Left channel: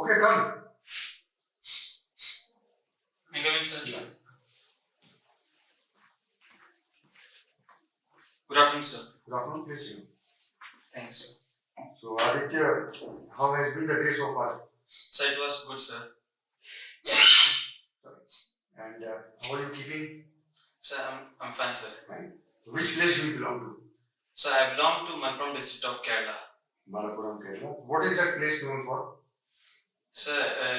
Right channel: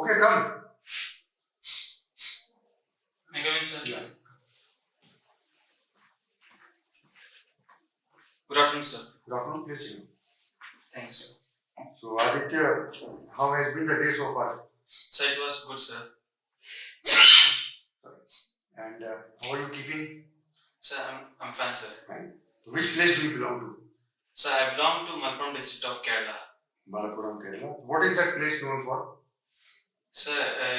Okay, come. May I come in, sir? Yeah. Good afternoon, sir. Good afternoon, please sit. Thanks, sir. So, Aditya, how has been the day so far? Sir, it was good, sir. Sorry. And how are you keeping? Sir, I'm fine, sir. Fine. Which place do you belong to? Sir, I belong to Malappuram district of Kerala. Malappuram, Kerala. What is that place known for? Sir,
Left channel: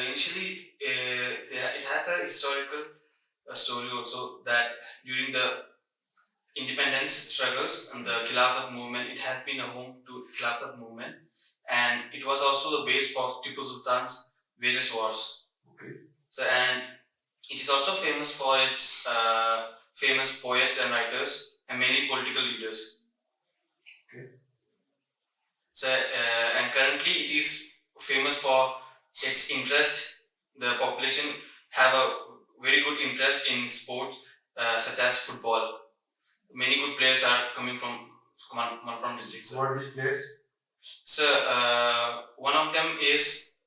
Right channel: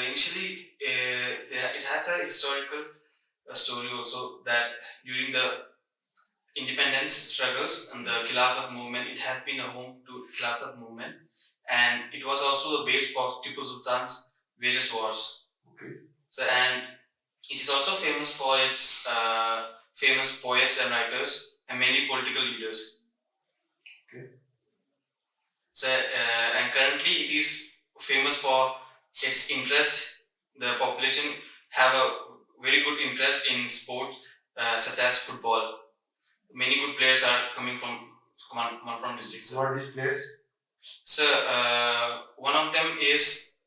initially, it has a historical story also that during the independence struggles and the Khilafat movement, it has been a home to Khilafat movement, and it was also the base for Tipu Sultan's various wars. Okay. So, and it is also famous for its famous poets and writers and many political leaders. Okay. So, and currently it is famous for its interest. The population have a very good interest in sport such as football. Many good players are coming from Malappuram district. What are these players? So, one of them is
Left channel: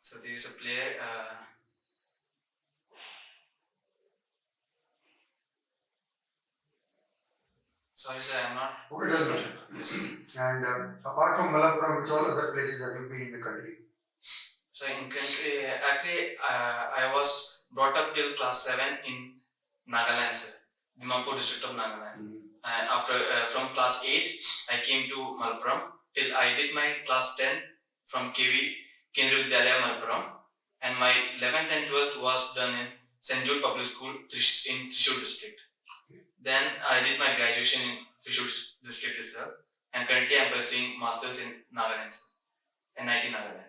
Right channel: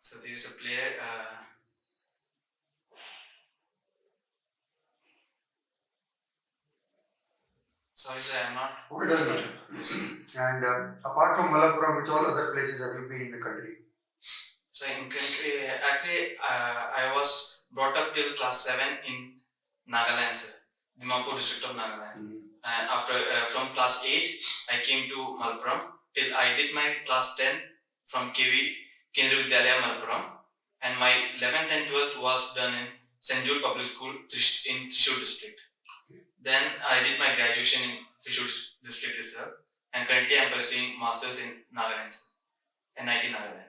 so there is a player. Sorry, sir, I'm not. Okay, doesn't matter. And apart from Malappuram, which all other places have you been in the country? So in country, actually, I was brought up till class 7 in Nagaland, sir, Dimapur district of Nagaland. And after from class 8, I came to Malappuram till I did my class 10 from KV Kendriya Vidyalaya Malappuram, and my 11th and 12th was done in St. Jude Public School in Thrissur district. Then I did my graduation in Thrissur district itself, and currently I am pursuing masters in Nagaland, NIT Nagaland.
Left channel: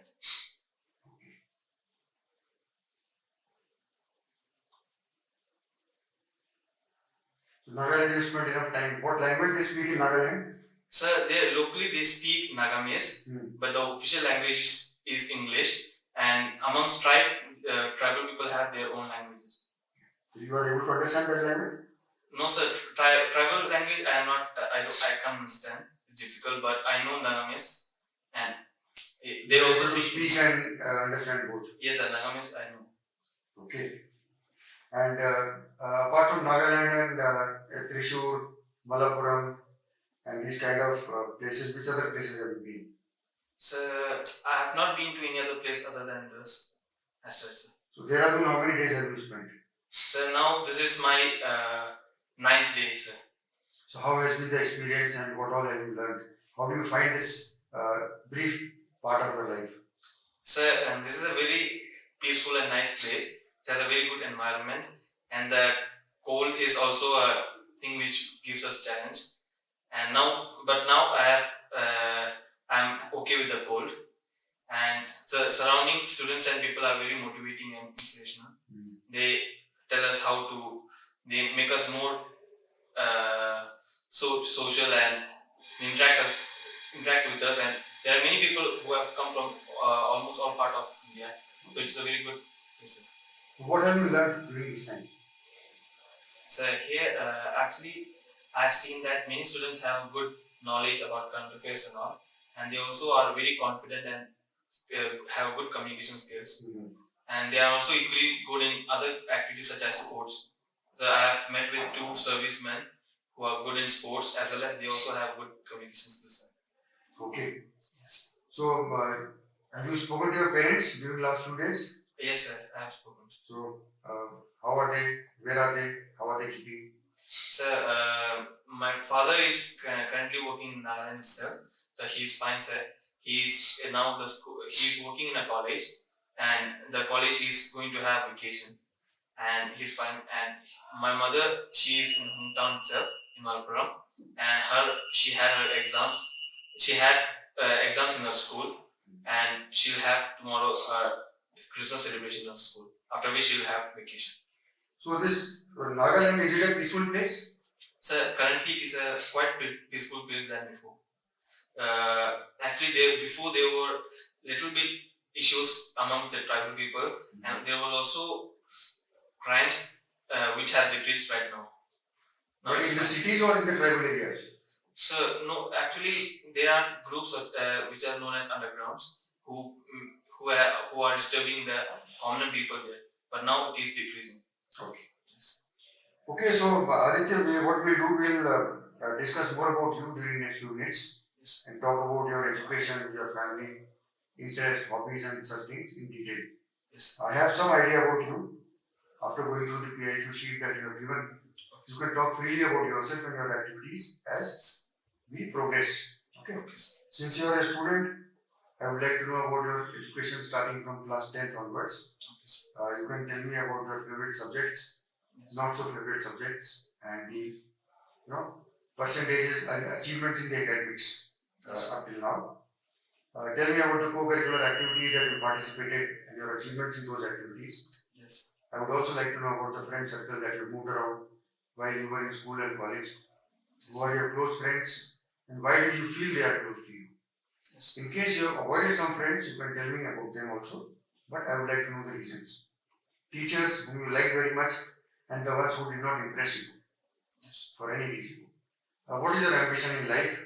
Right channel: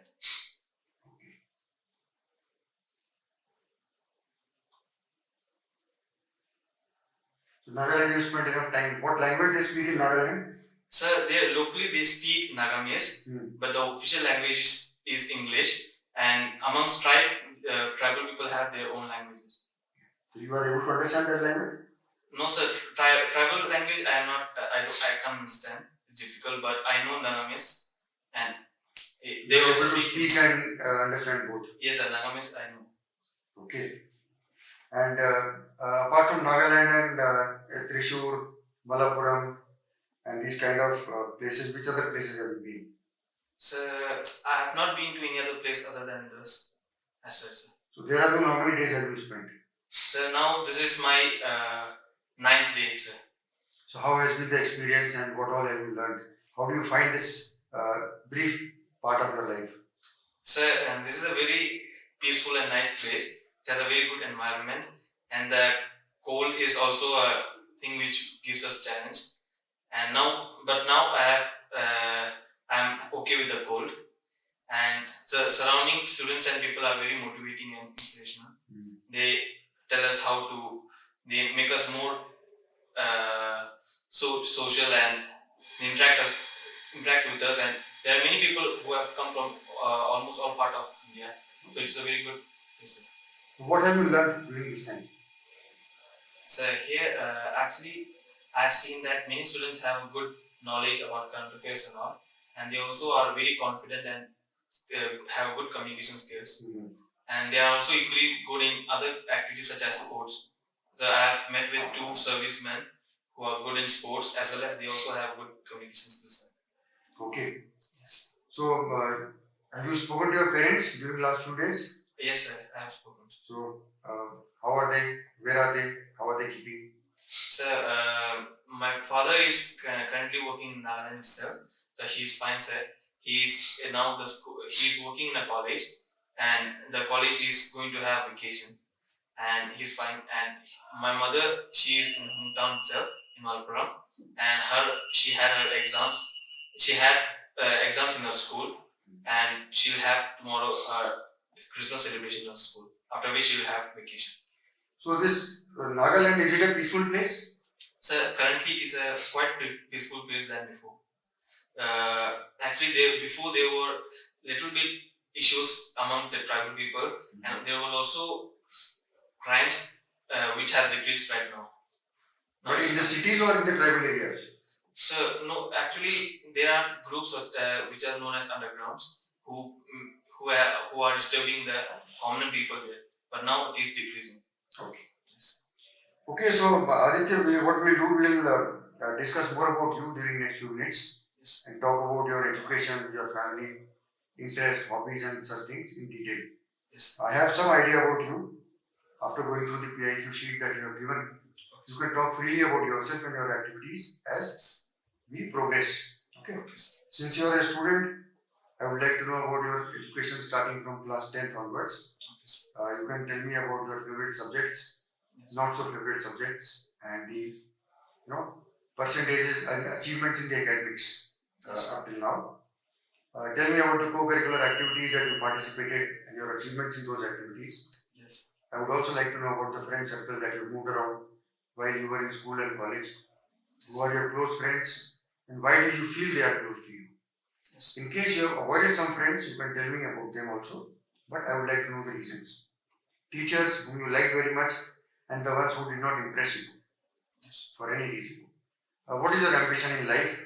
So, Nagaland, you spent enough time. What language they speak in Nagaland? Sir, locally they speak Nagamese, but the official language is English, and amongst tribal people have their own languages. So you are able to understand that language? No, sir. Tribal language I am not. I can't understand. It's difficult, but I know Nagamese, and they also speak and understand both. Yes, sir. Nagamese I know. Okay. And apart from Nagaland and Thrissur, Malappuram, and these kind of places, which other places have you been? Sir, I have not been to any other place other than this, as such, sir. So Dehradun, how many days have you spent? Sir, now this is my 9th day, sir. So how has been the experience and what all have you learned? How do you find this brief part of your life? Sir, this is a very peaceful and nice place. It has a very good environment, and the cold is also a thing which gives us challenge. And now I'm okay with the cold, and the surrounding students and people are very motivating and inspirational. They tell us they make us more social and interact with us, and there are many people who have come from almost all part of India, so it's a very good place. What have you learned during this time? So here actually I've seen that many students have good knowledge about current affairs and all, and they also are very confident and have good communication skills. And they are also equally good in other activities such as sports. So I have met with 2 servicemen who are good in sports, as well as they also have good communication skills. Okay. Yes. So have you spoken to your parents during the last few days? Yes, sir, I have spoken. So how are they? Where are they? How are they keeping? Sir, my father is currently working in Nagaland itself, so he's fine, sir. He's now he's working in a college, and the college is going to have vacation, and he's fine. And my mother, she is in hometown itself in Malappuram, and she had her exams. She had exams in her school, and she'll have tomorrow Christmas celebration in her school. After which she'll have vacation. So this Nagaland, is it a peaceful place? Sir, currently it is a quite peaceful place than before. Actually, before there were little bit issues amongst the tribal people, and there were also crimes which has decreased right now. But in the cities or in the tribal areas? So no, actually there are groups which are known as undergrounds who are disturbing the common people there. But now it is decreasing. Okay. Yes. Okay, so Aditya, what we'll do, we'll discuss more about you during next few minutes. Yes. And talk about your education, your family, interests, hobbies, and such things in detail. Yes. I have some idea about you after going through the PIQ sheet that you have given. You can talk freely about yourself and your activities as we progress. Okay. Since you are a student, I would like to know about your education starting from class 10th onwards. You can tell me about your favorite subjects, not so favorite subjects, and the percentages and achievements in the academics up till now. Tell me about the co-curricular activities that you participated and your achievements in those activities. Yes. I would also like to know about the friend circle that you moved around while you were in school and college. Who are your close friends and why do you feel they are close to you? Yes. In case you have avoided some friends, you can tell me about them also, but I would like to know the reasons. Teachers whom you like very much and the ones who did not impress you for any reason. What is your ambition in life?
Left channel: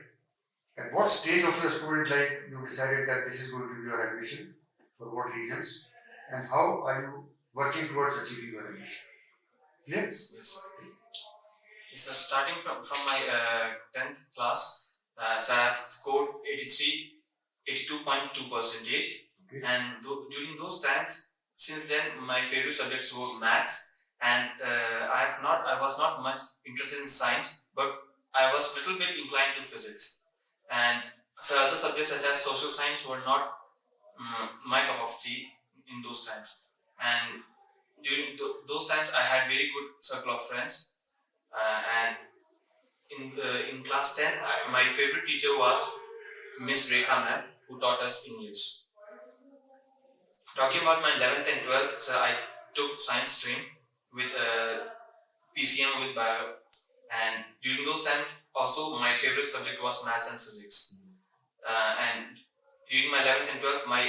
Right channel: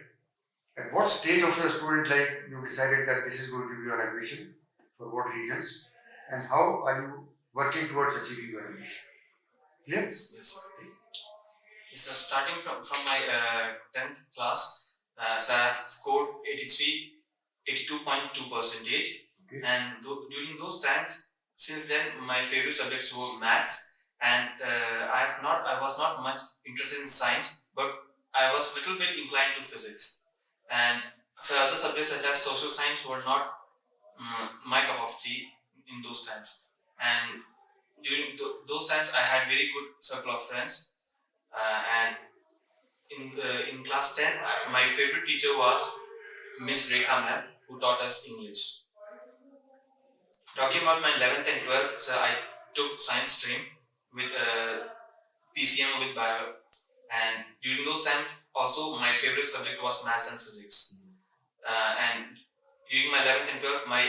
At what stage of your student life you decided that this is going to be your ambition? For what reasons? And how are you working towards achieving your ambition? Yes? Yes. So starting from my 10th class, so I have scored 82.2 percentage. Okay. And during those times, since then my favorite subjects were maths, and I was not much interested in science, but I was little bit inclined to physics. And so other subjects such as social science were not my cup of tea in those times. And during those times, I had very good circle of friends. And in class 10, my favorite teacher was Miss Rekha ma'am, who taught us English. Talking about my 11th and 12th, so I took science stream with PCM with bio. And during those times, also my favorite subject was maths and physics. And during my 11th and 12th, my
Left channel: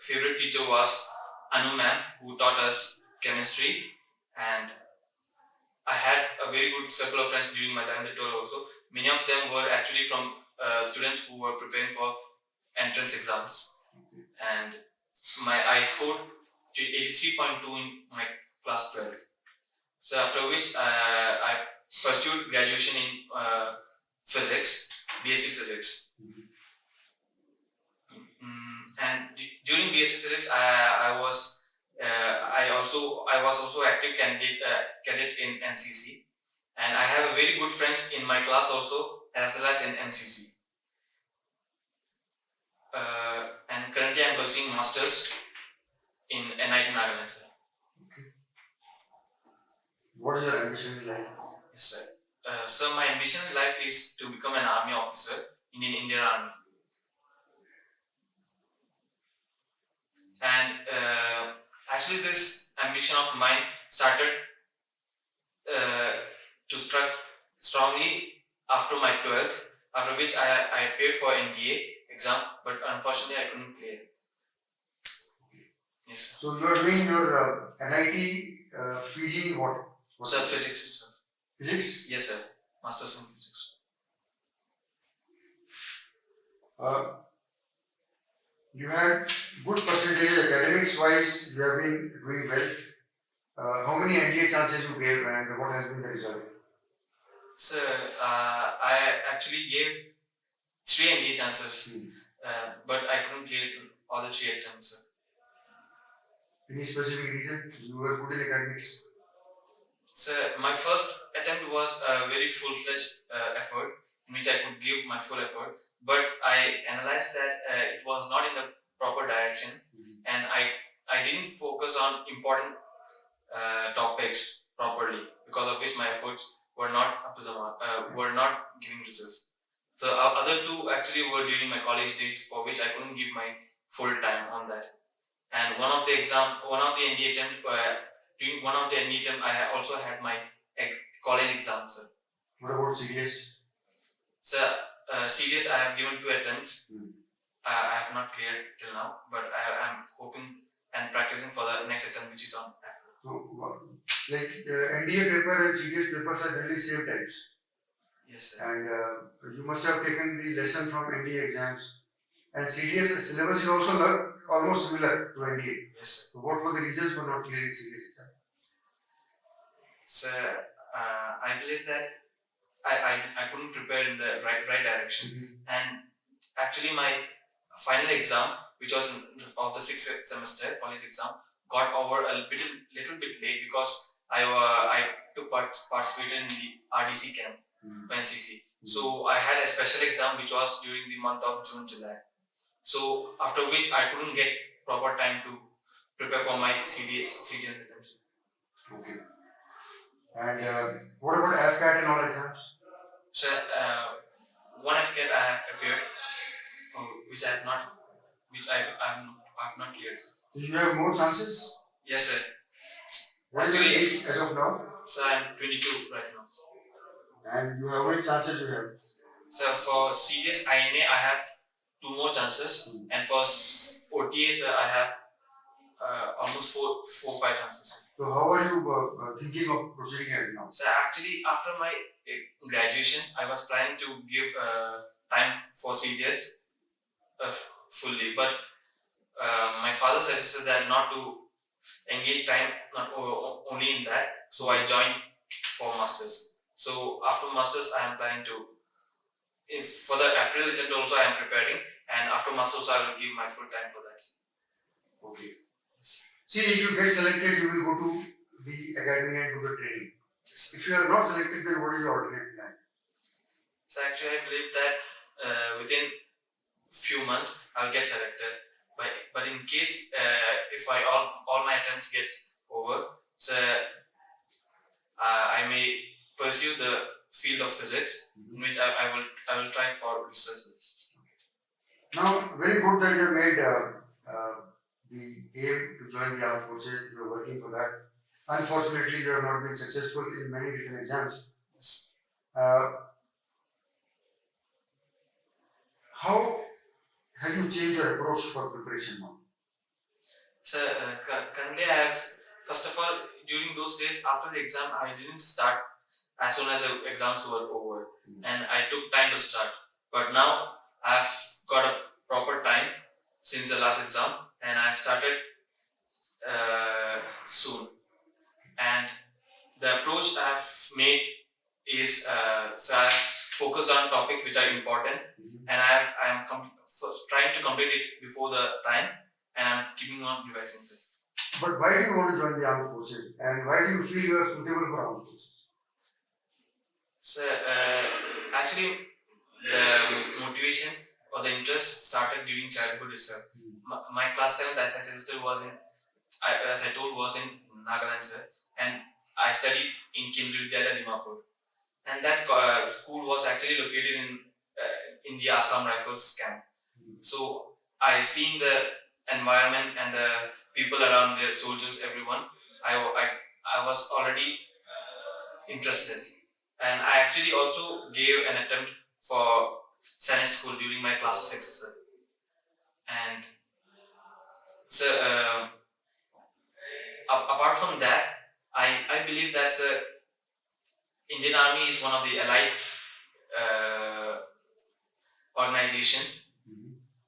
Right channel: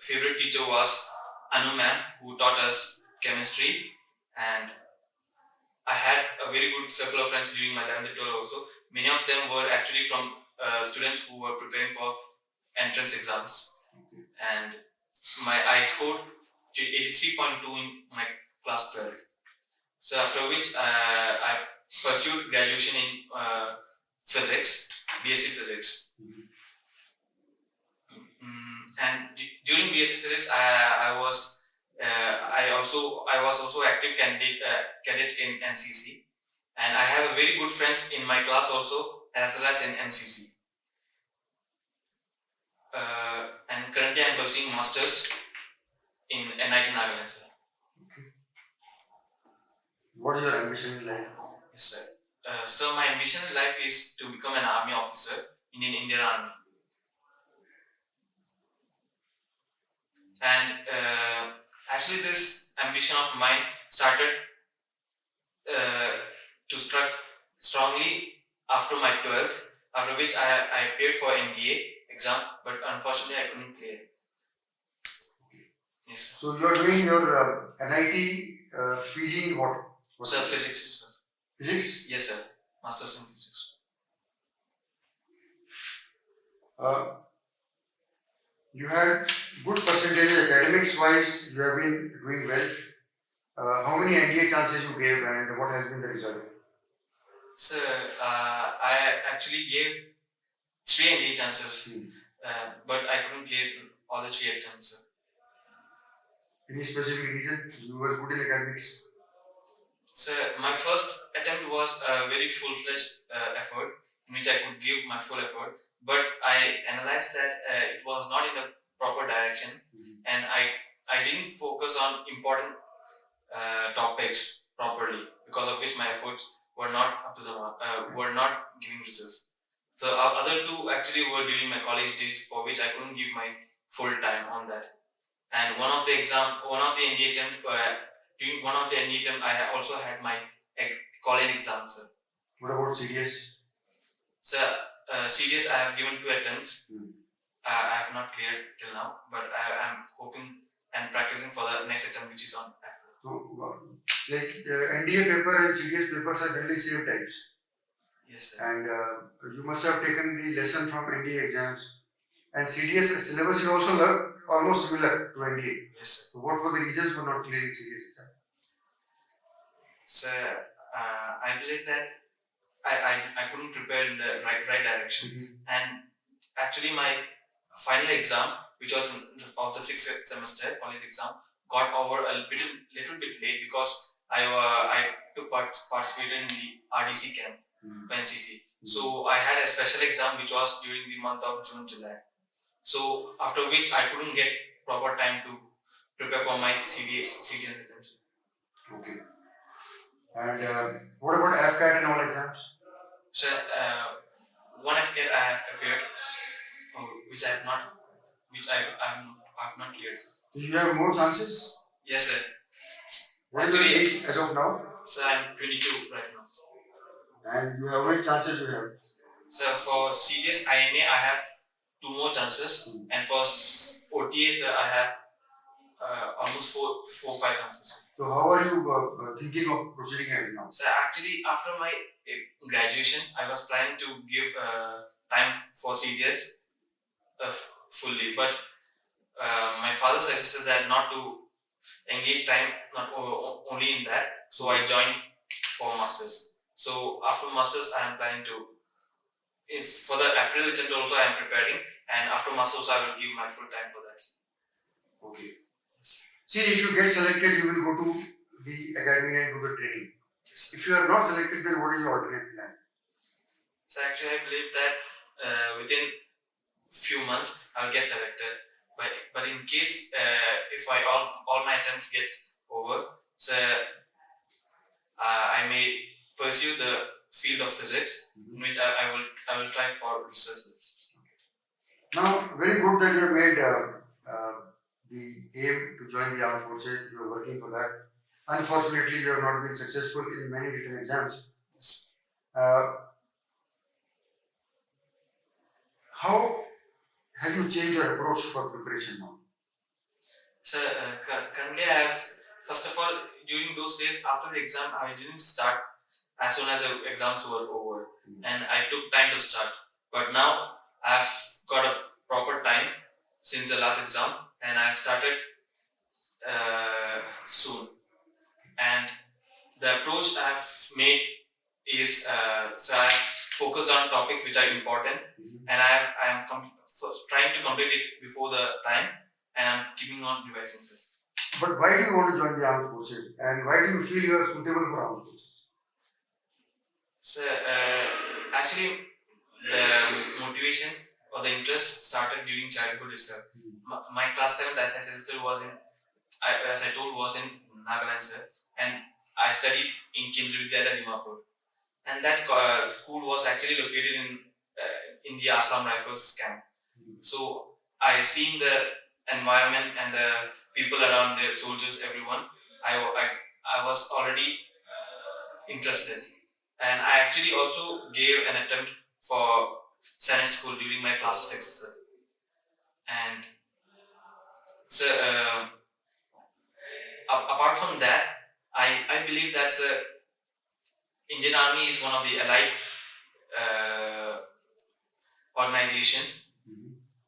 favorite teacher was Anu ma'am, who taught us chemistry. And I had a very good circle of friends during my 11th and 12th also. Many of them were actually from students who were preparing for entrance exams. And I scored 83.2 in my class 12th. So after which I pursued graduation in physics, BSc Physics. And during BSc Physics, I was also active cadet in NCC, and I have a very good friends in my class also as well as in MCC. And currently I'm pursuing masters in NIT Nagaland. What is your ambition in life? Yes, sir. So my ambition in life is to become an army officer in an Indian Army. And actually this ambition of mine started to strike strongly after my 12th, after which I appeared for NDA exam, but unfortunately I couldn't clear. Yes, sir. So you are doing your NIT PG what? Sir, physics, sir. Physics? Yes, sir. Masters in physics. You had good percentage academics wise, you have been doing well. How many NDA chances you gave and what has been the result? Sir, I actually gave 3 NDA chances, but I couldn't clear all the 3 attempts, sir. Any specific reason you were good in academics? Sir, my first attempt was a very full-fledged effort in which I could give my full effort, but I analyzed that it was not in the proper direction, and I didn't focus on important topics properly, because of which my efforts were not up to the mark, were not giving results. So other 2 actually were during my college days, for which I couldn't give my full time on that. And one of the NDA attempt, during one of the NDA attempt, I also had my college exam, sir. What about CDS? Sir, CDS I have given 2 attempts. I have not cleared till now, but I am hoping and practicing for the next attempt, which is on. So, like NDA paper and CDS papers are generally same types. Yes, sir. And you must have taken the lesson from NDA exams. And CDS syllabus is also almost similar to NDA. Yes, sir. So what were the reasons for not clearing CDS exam? So I believe that I couldn't prepare in the right direction, and actually my final exam, which was of the sixth semester college exam, got over a little bit late because I took participated in the RDC camp, NCC. So I had a special exam which was during the month of June, July. So after which I couldn't get proper time to prepare for my CGL exams. Okay. And what about FCAT and all exams? So one FCAT I have appeared, which I have not cleared. Do you have more chances? Yes, sir. What is your age as of now? So I'm 22 right now. And you have how many chances you have? So for serious IMA I have 2 more chances, and for OTAs I have almost 4-5 chances. So how are you thinking of proceeding ahead now? So actually after my graduation I was planning to give time for CDS fully, but my father suggested that not to engage time not only in that, so I joined for masters. So after masters I am planning to, for the April attempt also I am preparing, and after masters I will give my full time for that. Okay. See, if you get selected, you will go to the academy and do the training. Yes. If you are not selected, then what is your alternate plan? So actually I believe that within few months I'll get selected. But in case if all my attempts get over, so I may pursue the field of physics, in which I will try for research. Now, very good that you have made the aim to join the armed forces. You are working for that. Unfortunately, you have not been successful in many written exams. How have you changed your approach for preparation now? So currently I have, first of all, during those days after the exam I didn't start as soon as the exams were over, and I took time to start. But now I've got a proper time since the last exam, and I've started soon. And the approach I've made is so I've focused on topics which are important, and I'm trying to complete it before the time, and I'm keeping on revising it. But why do you want to join the armed forces, and why do you feel you are suitable for armed forces? So actually the motivation or the interest started during childhood itself. My class 7th, as I suggested, was in, as I told, was in Nagaland, sir, and I studied in Kendriya Vidyalaya, Dimapur, and that school was actually located in the Assam Rifles camp. So I seen the environment and the people around there, soldiers, everyone. I was already interested, and I actually also gave an attempt for Senate school during my class 6, sir. And so apart from that, I believe that Indian Army is one of the allied organization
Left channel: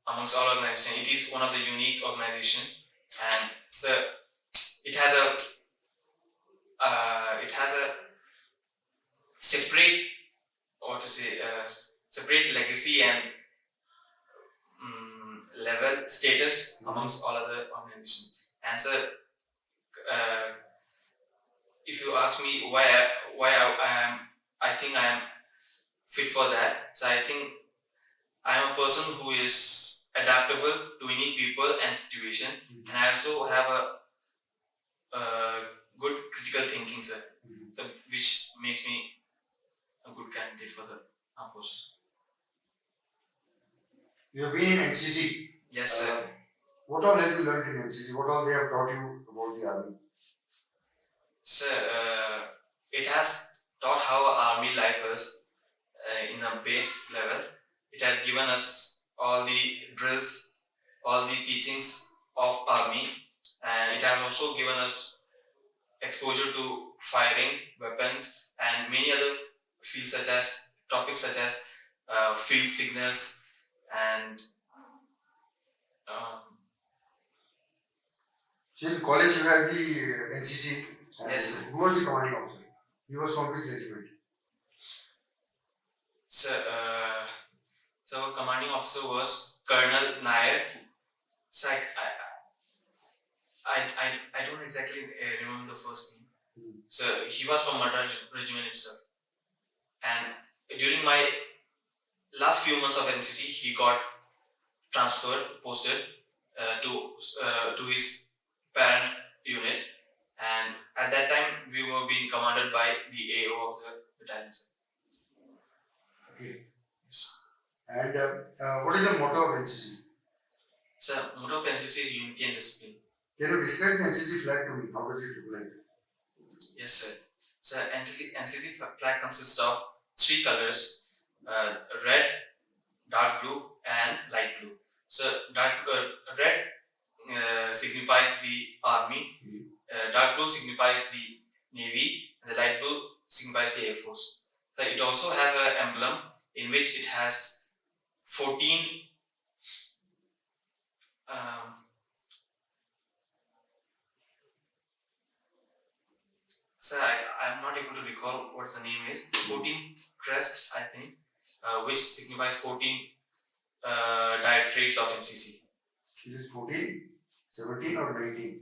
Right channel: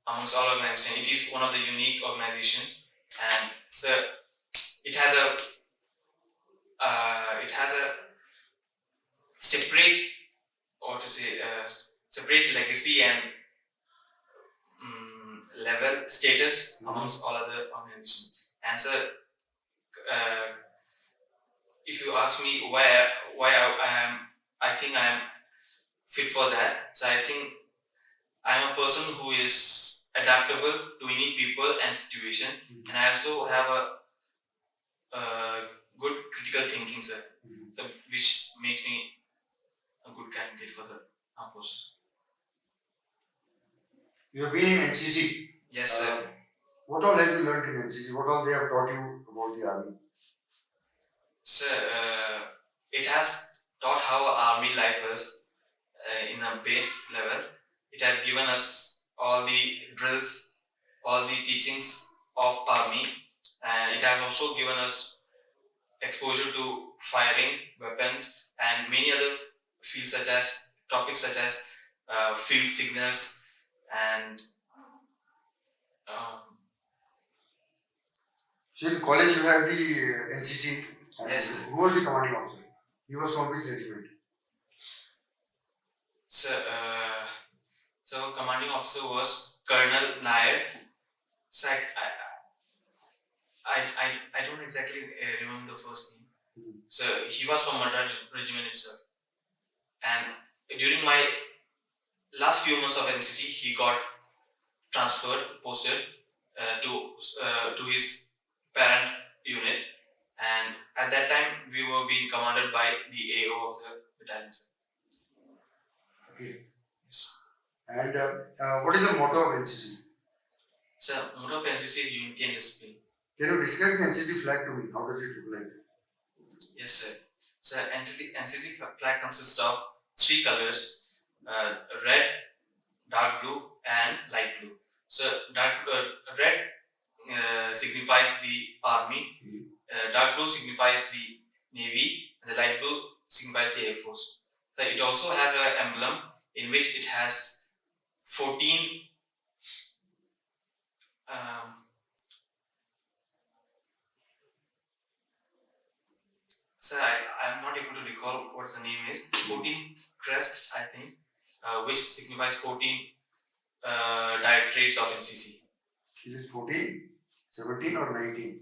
amongst all organizations. It is one of the unique organization, and so it has a separate, or to say separate legacy and level status amongst all other organizations. And so if you ask me why I think I am fit for that, so I think I am a person who is adaptable to any people and situation, and I also have a good critical thinking, sir, so which makes me a good candidate for the armed forces. You have been in NCC. Yes, sir. What all have you learned in NCC? What all they have taught you about the army? Sir, it has taught how army life is in a base level. It has given us all the drills, all the teachings of army, and it has also given us exposure to firing, weapons, and many other fields such as topics such as field signals and So in college you had the NCC. Yes, sir. Who was the commanding officer? He was from which regiment? so commanding officer was Colonel Nair. So I don't exactly remember the first name. So he was from Madras regiment itself. And during my last few months of NCC, he got posted to his parent unit. And at that time, we were being commanded by the AO of the battalion. Okay. And what is the motto of NCC? So, motto of NCC is unity and discipline. Can you describe the NCC flag to me? How does it look like? Yes, sir. So, NCC flag consists of 3 colors: red, dark blue, and light blue. So, red signifies the army, dark blue signifies the navy, and the light blue signifies the air force. So, it also has an emblem in which it has 14 so I'm not able to recall what the name is. 14 crests, I think, which signifies 14 directorates of NCC. Is it 14, 17 or 19?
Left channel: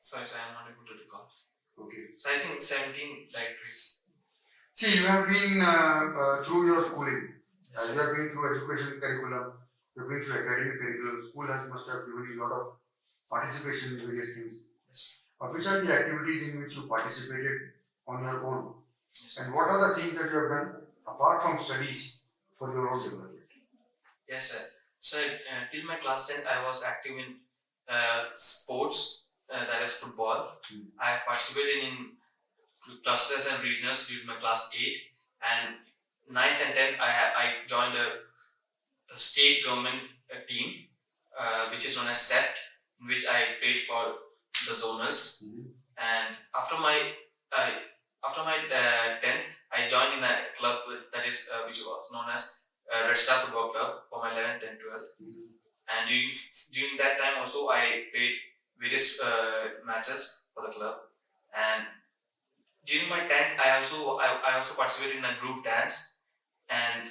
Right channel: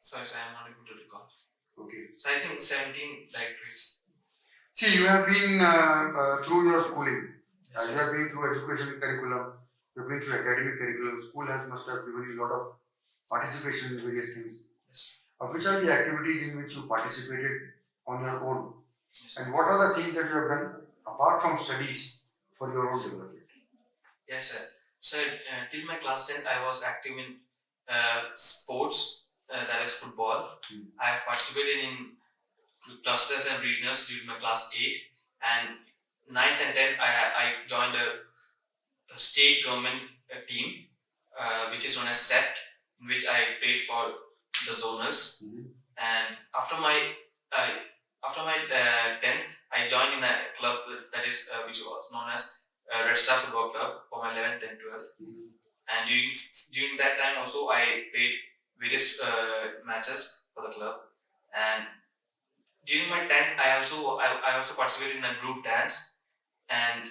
Sorry, sir, I'm not able to recall. Okay. So I think 17 directorates. See, you have been through your schooling. Yes, you have been through education curriculum. You have been through academic curriculum. School must have given you a lot of participation in various things. Yes. Which are the activities in which you participated on your own? Yes. And what are the things that you have done apart from studies for your own development? Yes, sir. So till my class 10, I was active in sports, that is football. I have participated in clusters and regionals during my class 8, and 9th and 10th I joined a state government team which is known as SEPT, in which I played for the zonals. And after my 10th, I joined in a club that is which was known as Red Star Football Club for my 11th and 12th. And during that time also I played various matches for the club. And during my 10th, I also participated in a group dance. And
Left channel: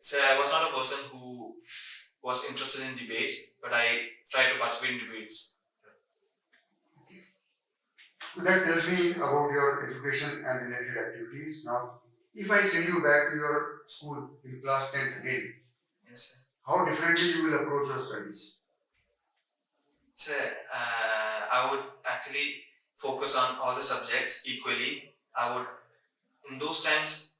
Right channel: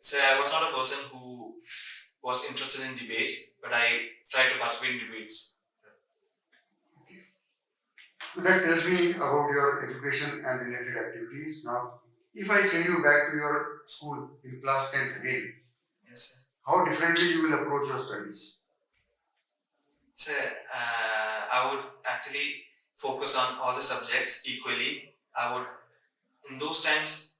so I was not a person who was interested in debates, but I tried to participate in debates. That tells me about your education and related activities. Now, if I send you back to your school in class 10th again, yes, sir. How differently you will approach your studies? So, I would actually focus on all the subjects equally. In those times,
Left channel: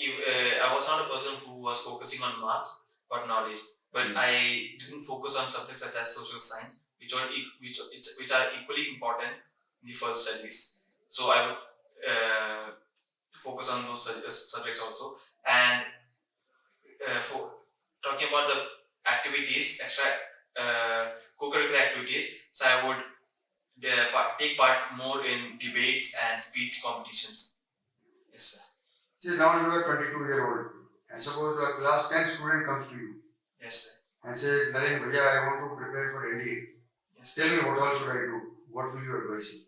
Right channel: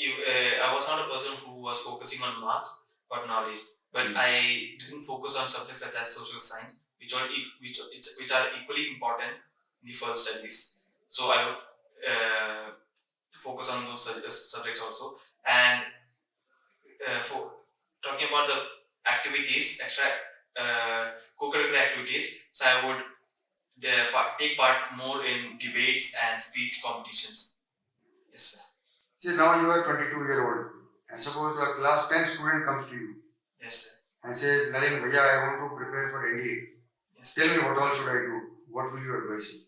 I was not a person who was focusing on marks but knowledge. But I didn't focus on subjects such as social science, which are equally important in the further studies. So I would focus on those subjects also. And for talking about the activities, extra co-curricular activities, so I would take part more in debates and speech competitions. Yes, sir. See, now you are 22-year-old, and suppose a class 10 student comes to you. Yes, sir. And says, Nalin, Bhaiya, I want to prepare for NDA. Yes. Tell me what all should I do? What will you advise him?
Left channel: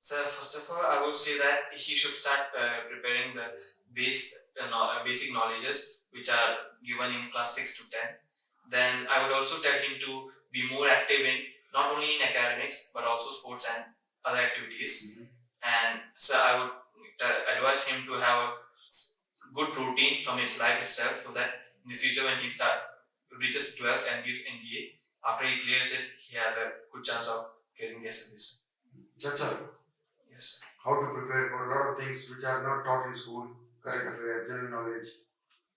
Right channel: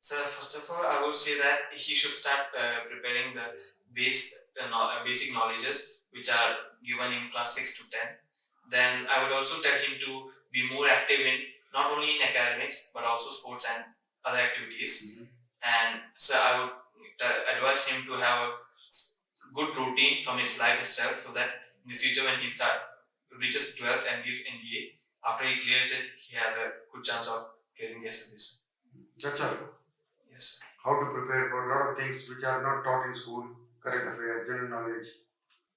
So first of all, I would say that he should start preparing the basic knowledges which are given in class 6 to 10. Then I would also tell him to be more active in not only in academics but also sports and other activities. And so I would advise him to have a good routine from his life itself, so that in the future when he reaches 12th and gives NDA, after he clears it, he has a good chance of getting the SSB. That's all. Yes, sir. How to prepare for a lot of things which are not taught in school, current affairs, general knowledge.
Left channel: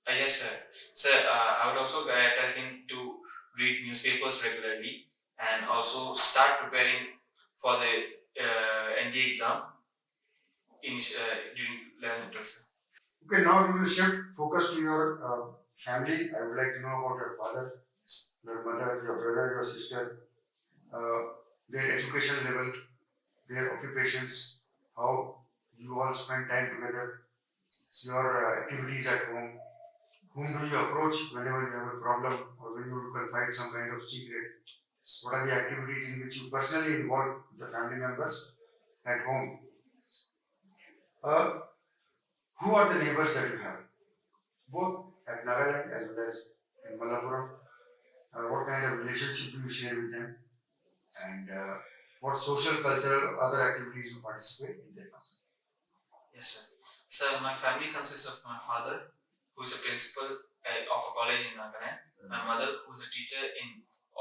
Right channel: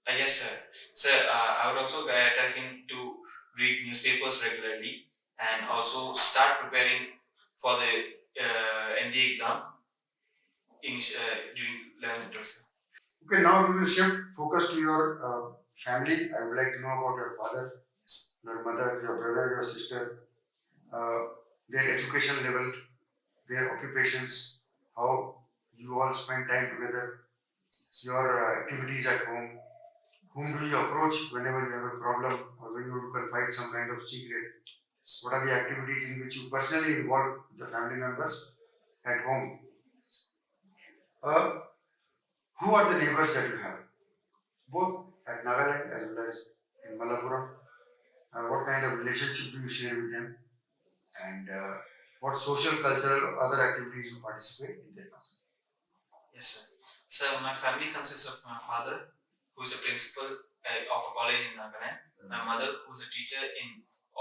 Yes, sir. Sir, I would also tell him to read newspapers regularly and also start preparing for the NDA exam during 11th and 12th. Okay, now we will shift focus to your family. I would like to know about your father. Your mother, your brother, your sister, their education level, their occupations, how you all spend time together, your activities at home, whom do you approach whenever you have a problem or when you want to confide some kind of secret? What are the activities in which you personally involve the family members at home? Who are the neighbors that you have, both at Nagaland as well as in Malappuram? What kind of relationship do you share with them? And what social, cultural, other activities you participate in their company? Yes, sir. So my family consists of my father, who is a principal of a college in Nagaland, my mother, who is a teacher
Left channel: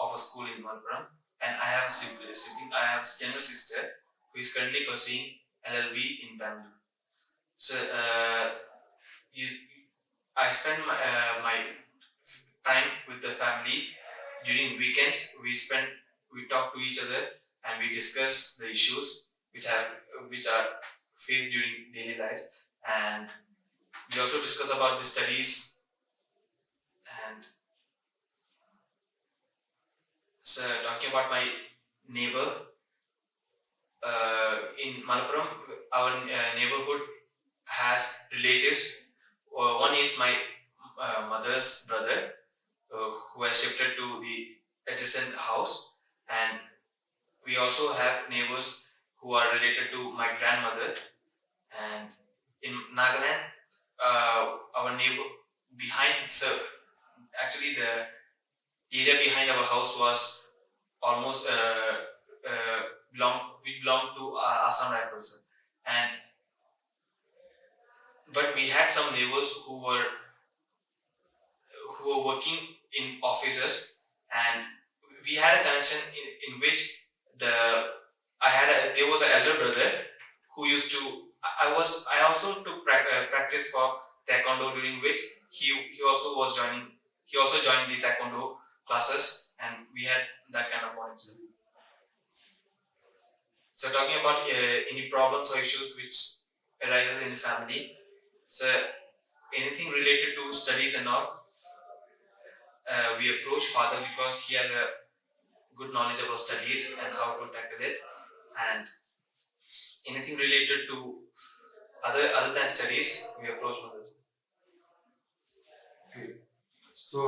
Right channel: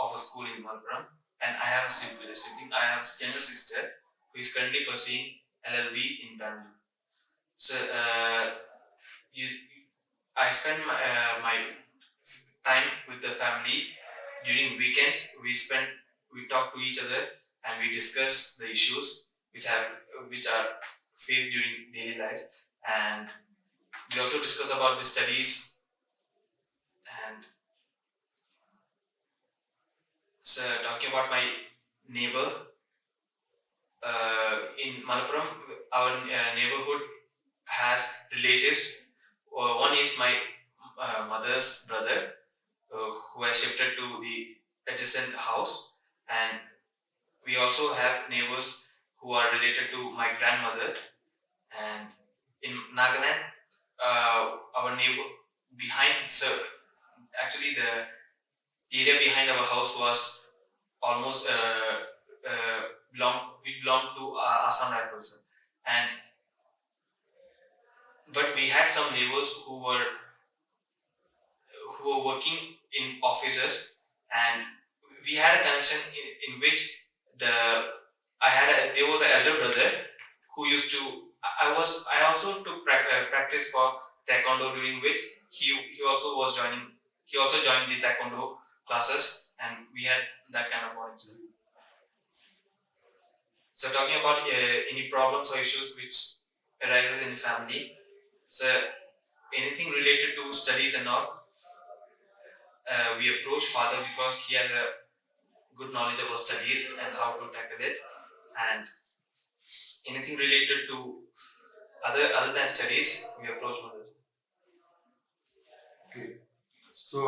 of a school in Malappuram, and I have a sibling. I have a younger sister who is currently pursuing LLB in Bangalore. So I spend my time with the family during weekends. We talk to each other and we discuss the issues which are faced during daily life, and we also discuss about the studies. And so talking about my neighbor in Malappuram, our neighborhood has relatives. One is my mother's brother, who has shifted to the adjacent house, and we also have neighbors who are related to my grandmother. And in Nagaland, our neighbor actually the area behind our house was almost belonged to Assam Rifles, and but we had some neighbors who were working in offices, and we had a connection in which there was an elder brother who used to I also took practice for taekwondo, during which he also joined the taekwondo classes, and we had that kind of bonding. So talking about any problems or issues which arises in the family, so anything related to studies and all, we approach father because he has a good knowledge about studies and how to tackle it, and anything related to other than studies, we approach mother. Okay. So,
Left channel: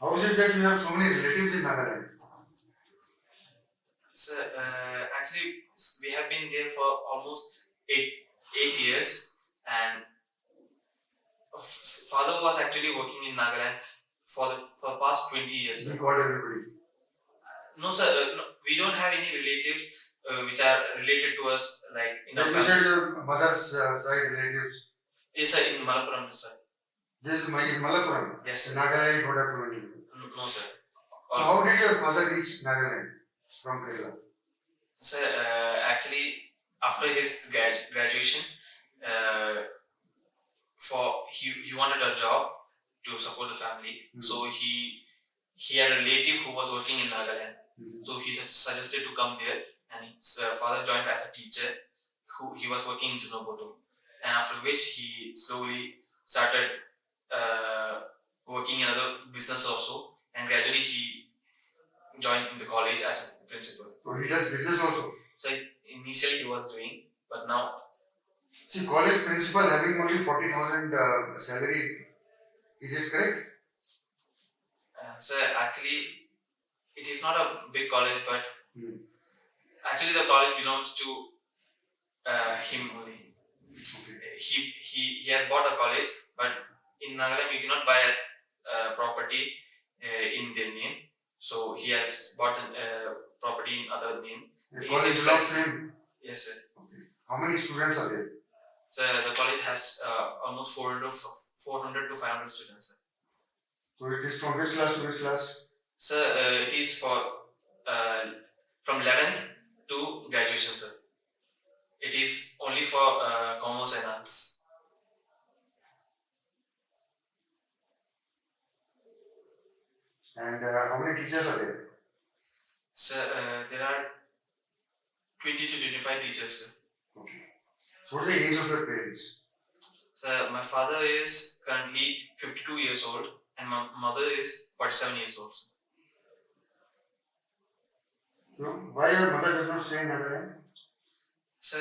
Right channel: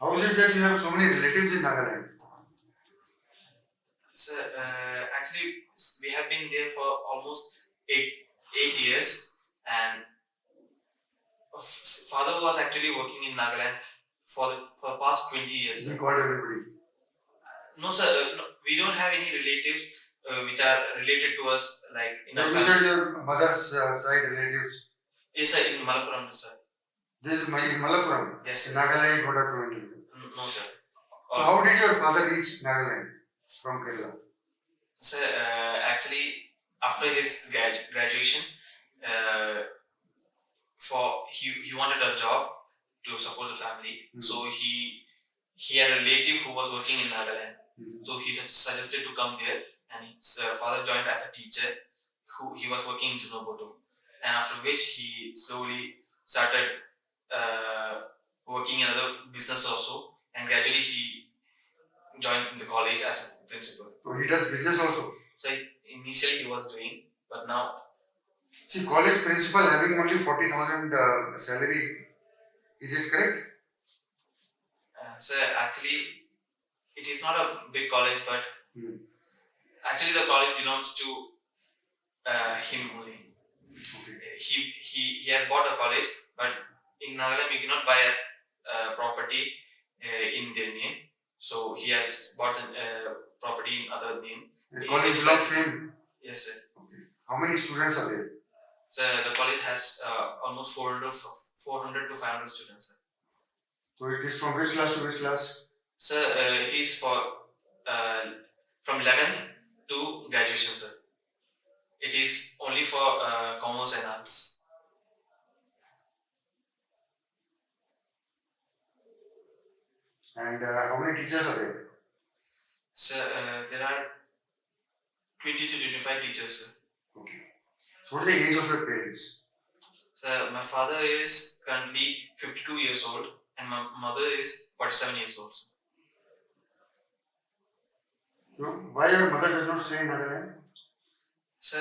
how is it that you have so many relatives in Nagaland? So actually, we have been there for almost eight years, and father was actually working in Nagaland for the past 20 years. He called everybody. No, sir. No, we don't have any relatives which are related to us, like in our You family. said your mother's side relatives. Yes, sir, in Malappuram, sir. This is in Malappuram. Yes, in Nagaland, what happened? No, sir. So how did your father reach Nagaland from Kerala? Sir, actually, after his graduation, he wanted a job to support the family. Mm-hmm. So he had a relative who was working in Nagaland. Mm-hmm. So he suggested to come there, and his father joined as a teacher. He was working in Chinoboto, and after which he slowly started working in other business also, and gradually he joined in the college as a principal. So he does business also? So initially he was doing, but now... See, college principal having only 40,000 salary, is it correct? Sir, actually, it is not a big college, but actually the college belongs to him only. Okay. He has bought a college, but in Nagaland you cannot buy a property in their name. So he has bought a property in other name. The college belongs to him? Yes, sir. Okay. How many students are there? So the college has almost 400 to 500 students, sir. So it is from which class to which class? Sir, it is from 11th to graduation, sir. It is only for commerce and arts. And how many teachers are there? Sir, there are 20 to 25 teachers, sir. Okay. So what is the age of your parents? Sir, my father is currently 52 years old and my mother is 47 years old. So why your mother does not stay in Nagaland? So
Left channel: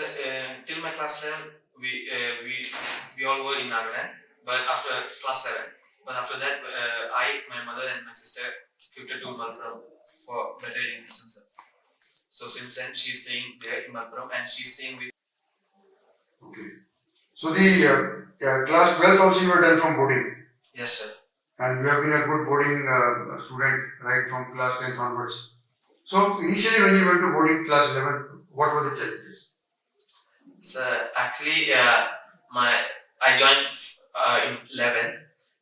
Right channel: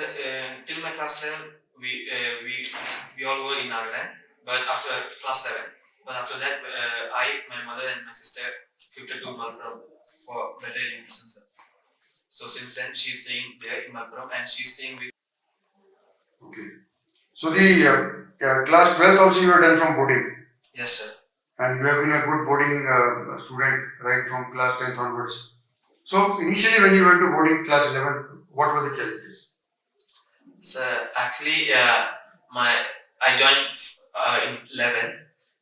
till my class 11, we all were in Nagaland, but after class 7. But after that, my mother and my sister shifted to Malpuram for better education. So since then, she's staying there in Malpuram and she's staying with. Okay. So the class 12th also you have done from boarding. Yes, sir. And you have been a good boarding student right from class 10th onwards. So initially when you went to boarding class 11, what were the challenges? So actually, I joined in 11th,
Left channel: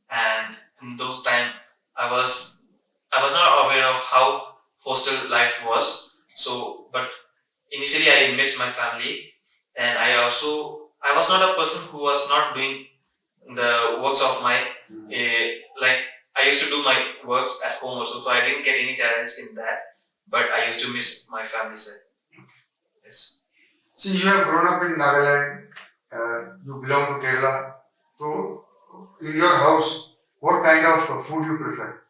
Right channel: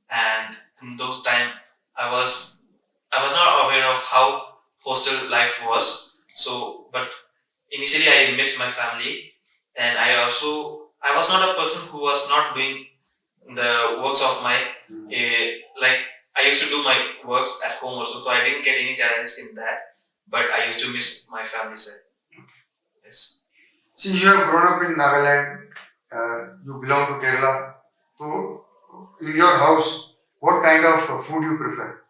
and in those time I was not aware of how hostel life was. So, but initially I missed my family, and I was not a person who was not doing the works of my like I used to do my works at home also, so I didn't get any challenge in that. But I used to miss my family side. Yes. See, you have grown up in Nagaland, you belong to Kerala. So, in your house, what kind of food you prefer?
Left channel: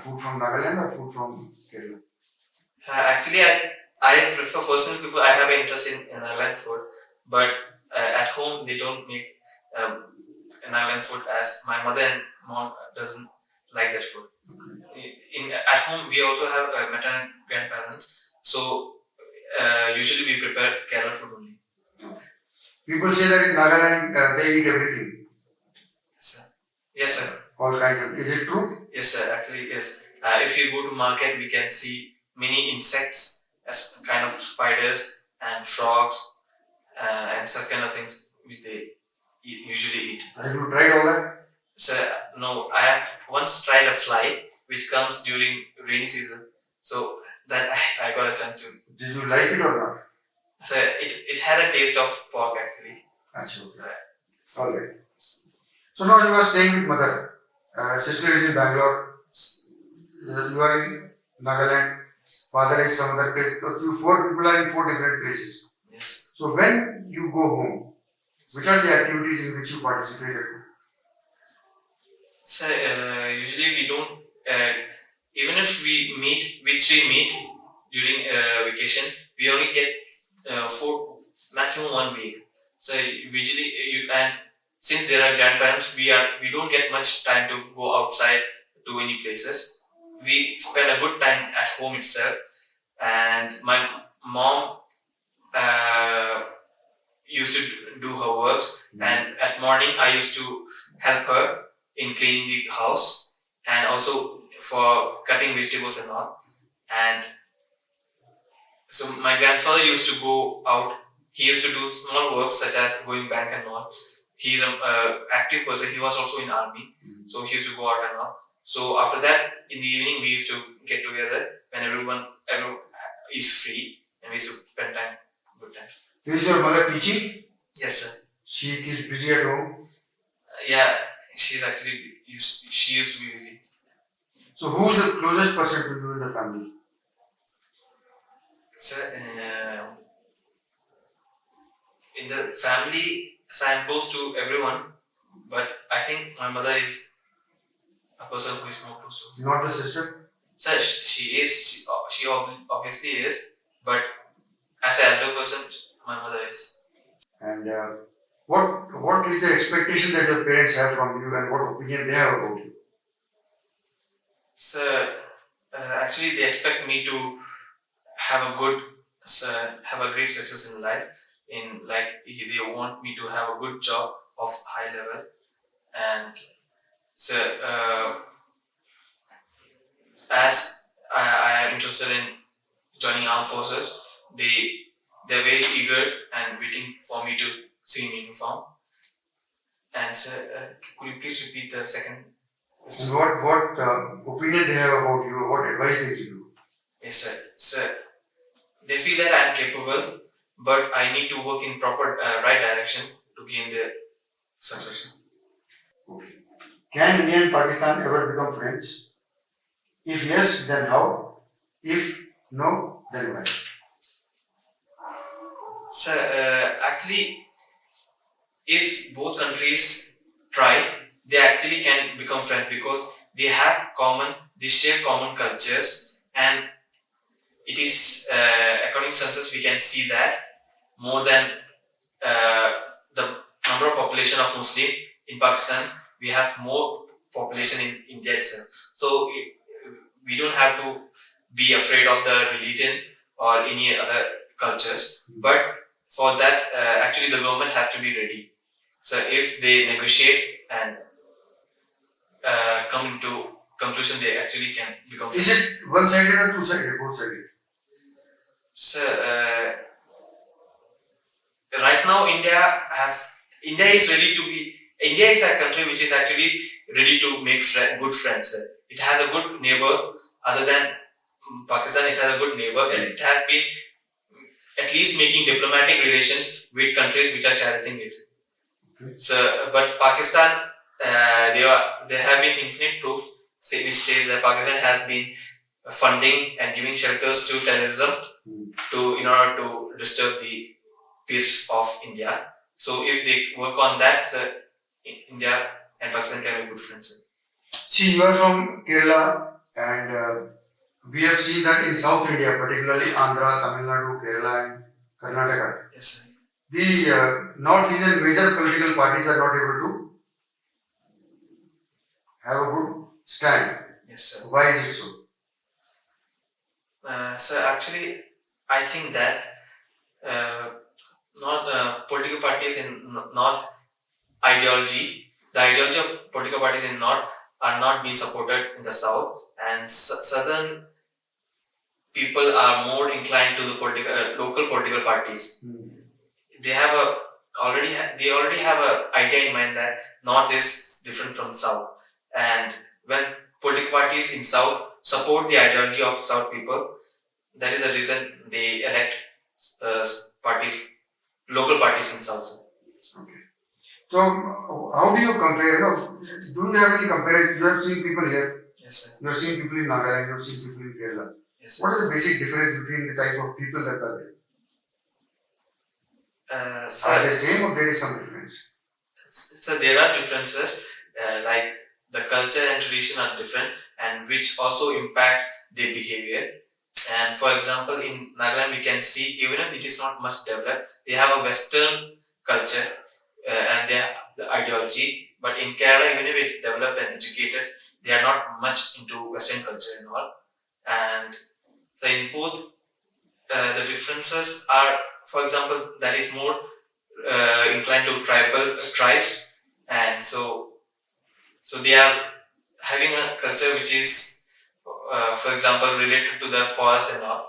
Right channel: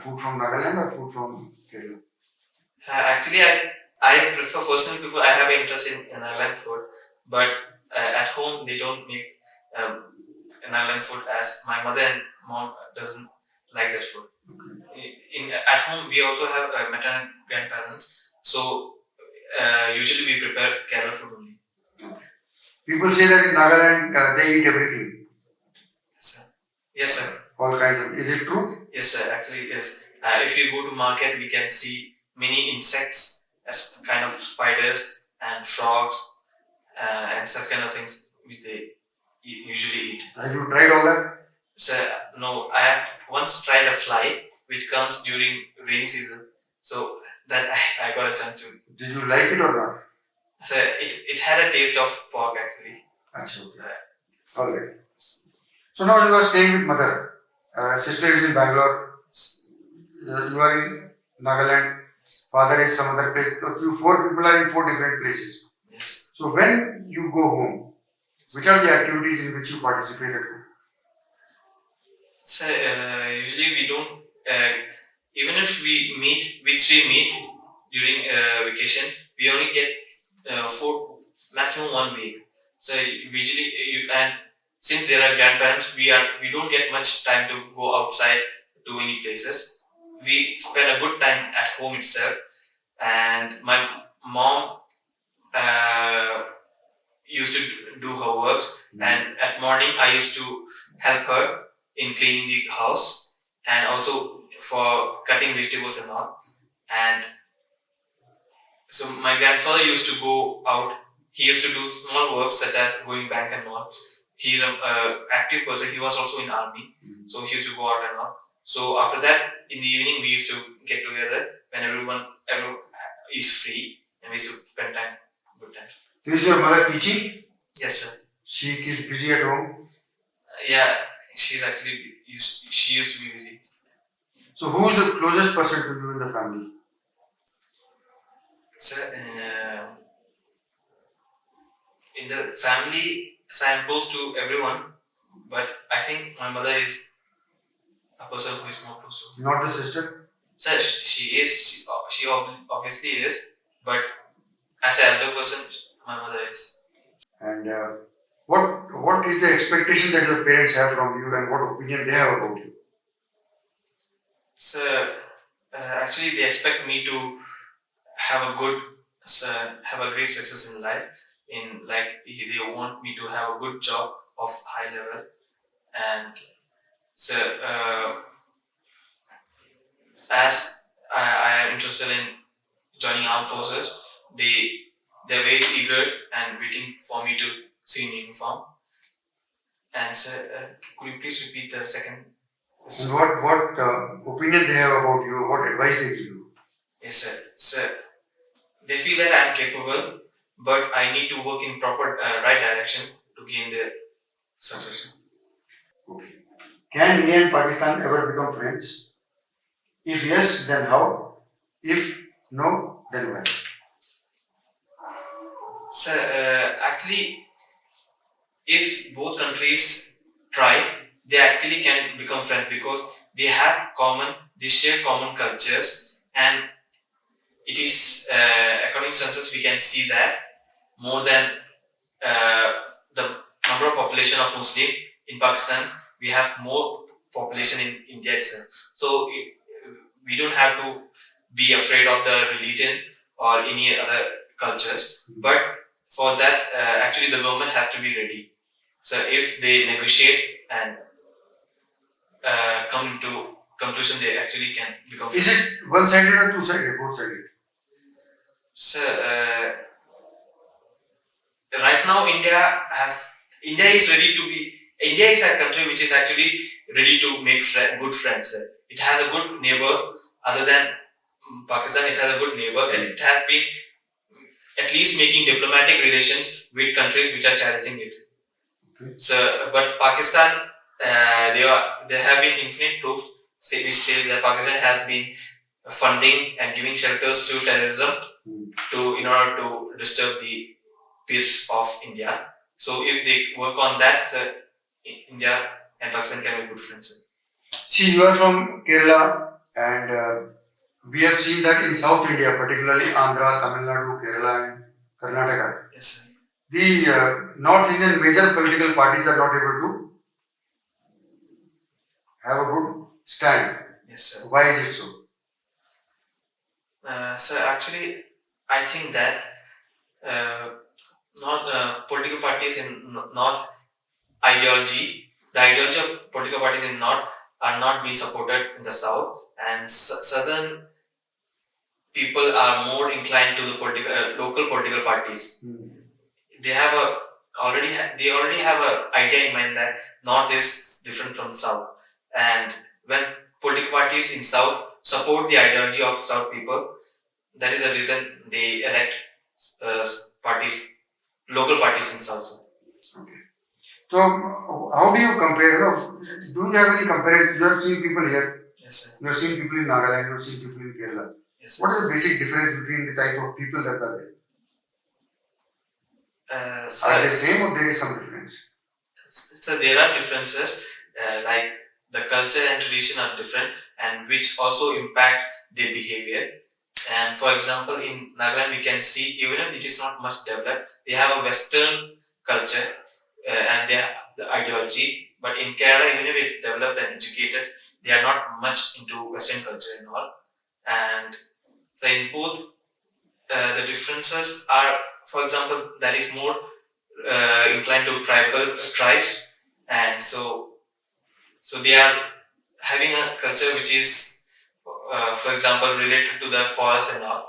Food from Nagaland or food from Kerala? Actually, I personally I have an interest in Nagaland food, but at home they don't make Nagaland food as my mother and mom doesn't like that food. At home we also have maternal grandparents, so usually we prepare Kerala food only. People say that in Nagaland they eat everything. Yes, sir. All kinds of. Is it true? Yes, sir. Actually, yes. If you go to market, we can see many insects as kind of spiders and frogs and such kind of things which they usually eat. Have you tried all that? So no, I have once tried a fly which comes during rainy season. So that I got a chance to. Did you like it or not? So it had a taste of pork actually. That's okay. Alright. So now you are staying with mother. Sister is in Bangalore. You are in Nagaland. Father is some other place. So you 4 people are in 4 different places. Yes. So when you go home, which are the activities in which you participated? So usually we don't. Even if we meet during vacation, we only get for maximum 1 week. So usually and since there are grandparents, we don't get much time to go outside to any places. We spend a good time at home itself, and my mom used to do her work, and at morning I used to help her in cleaning the house and also for cutting vegetables and all. And so my grandfather used to go out. He used to do small work such as going bank and all. He's an active person. He was also in army, so he used to go out and all. So after that, in the evening, we used to get together when everyone is free, and we used to spend time, good time. Is your mother teaching? Yes, sir. She is busy at home. Yeah, she's actually she used to be busy. So who is the closest person to you in the family? Sir, in the family, so I'm close to everyone, but I think my mother is a person who is more close to. Not the sister? Sir, she is. She obviously is, but as an elder person, my mother is. And what is the expectation that your parents have from you, and what opinion they have about you? So actually, they expect me to have a great success in life. They want me to have a good job of high level, and so as I am interested in joining armed forces, they're very eager and waiting for me to see in uniform. And so, could you please repeat the second? And what opinion they have about you? What advice they give you? Yes, sir. Sir, they feel that I am capable, but I need to work in proper right direction to gain their success. Okay. Can India and Pakistan ever become friends? If yes, then how? If no, then why? So actually, if both countries try, they actually can become friends because they share common cultures, and it is according to census we can see that more than the number of population of Muslim in Pakistan, we have more population in India itself. So we don't have to be afraid of the religion or any other cultures. But for that, actually the government has to be ready. So if they negotiate and come to conclusion, they actually can become. Is it one-sided or two-sided? Both-sided? So right now India is ready to be. India is a country which is actually ready to make good friends. It has a good neighbor other than Pakistan. It has a good neighbor, and it has been at least making diplomatic relations with countries which are challenging it. Okay. So, but Pakistan, there have been infinite proof which says that Pakistan has been funding and giving shelters to terrorism in order to disturb the peace of India. So if they work on that, India and Pakistan can be good friends. See, you are from Kerala, and we have seen that in South India, particularly Andhra, Tamil Nadu, Kerala, and Karnataka. Yes, sir. The North Indian major political parties are not able to have a good stand. Yes, sir. Why is it so? So actually, I think that not political parties in North ideology, the ideology of political parties in North are not being supported in the South, and Southern people are more inclined to the local political parties. They have already have an idea in mind that North is different from South, and when political parties in South support the ideology of South people, that is the reason they elect local parties in South. Okay. So how do you compare? Do you have any comparison? You have seen people here. Yes, sir. You have seen people in Nagaland. You have seen people in Kerala. Yes, sir. What is the basic difference between the type of people that are there? Are they same or there is some difference? So there are differences, like the culture and tradition are different, and which also impact their behavior. And for example, in Nagaland, we can see even if it is not much developed, they have a Western culture and they have the ideology. But in Kerala, even if it's developed and educated, they are not much into Western culture and all. And so in both, the differences are, for example, that is more inclined to tribes, and so they are having a culture which is, for example, related to the forest and all.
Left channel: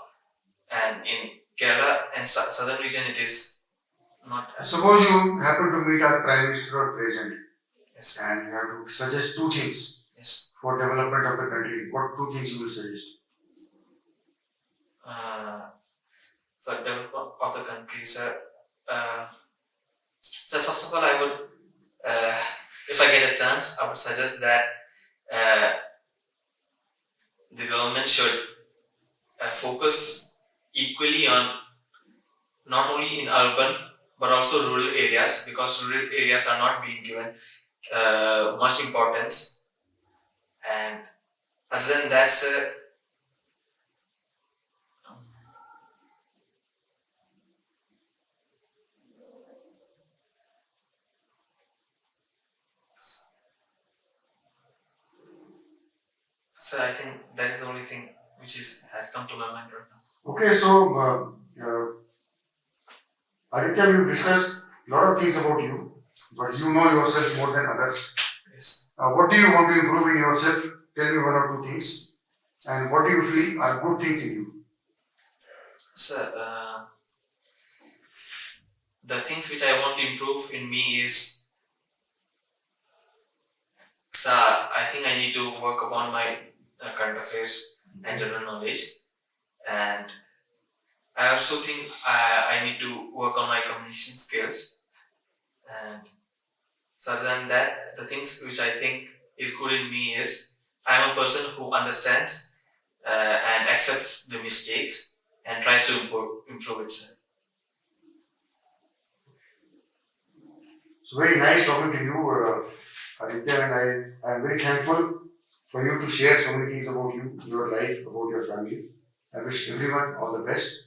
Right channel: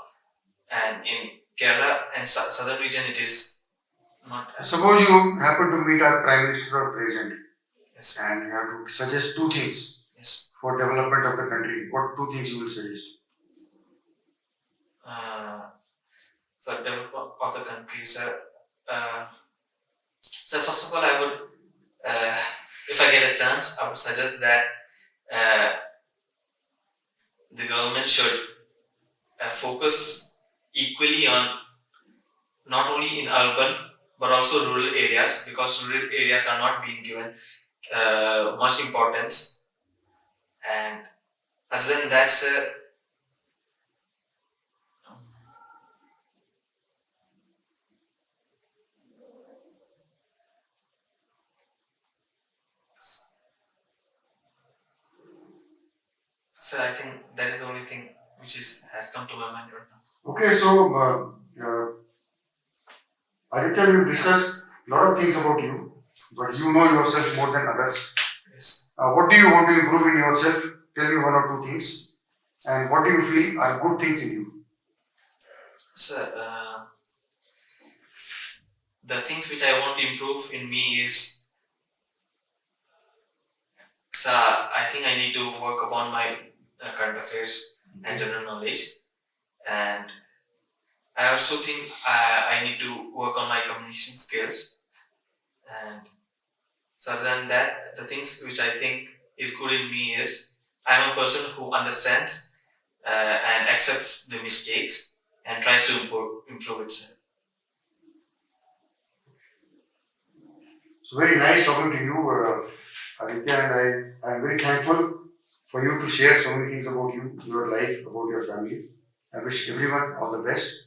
And in Kerala and southern region, it is not. Suppose you happen to meet our Prime Minister or President. Yes. And you have to suggest two things. Yes. For development of the country. What two things you will suggest? For development of the country, sir. So first of all, I would, if I get a chance, I would suggest that the government should focus equally on not only in urban but also rural areas, because rural areas are not being given much importance. And other than that, sir, I think that is the only thing which has come to my mind right now. Okay, so Aditya, we discussed a lot of things about you, but you know yourself more than others. Yes. What do you want to improve in yourself? Tell me one or two things. And what do you feel are good things in you? Sir, the things which I want to improve in me is, I think I need to work upon my current affairs and general knowledge, and I also think I need to work on my communication skills. And so other than that, the things which I think is good in me is I am a person who understands and accepts the mistakes and tries to improve itself. So very nice talking to you, Aditya, and I am very thankful for you to share so many things about you, your life, about your family. I wish everyone all the best.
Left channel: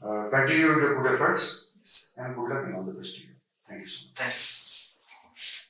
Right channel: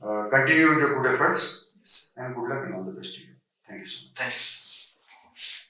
Continue with your good efforts and good luck and all the best to you. Thank you so much. Thanks.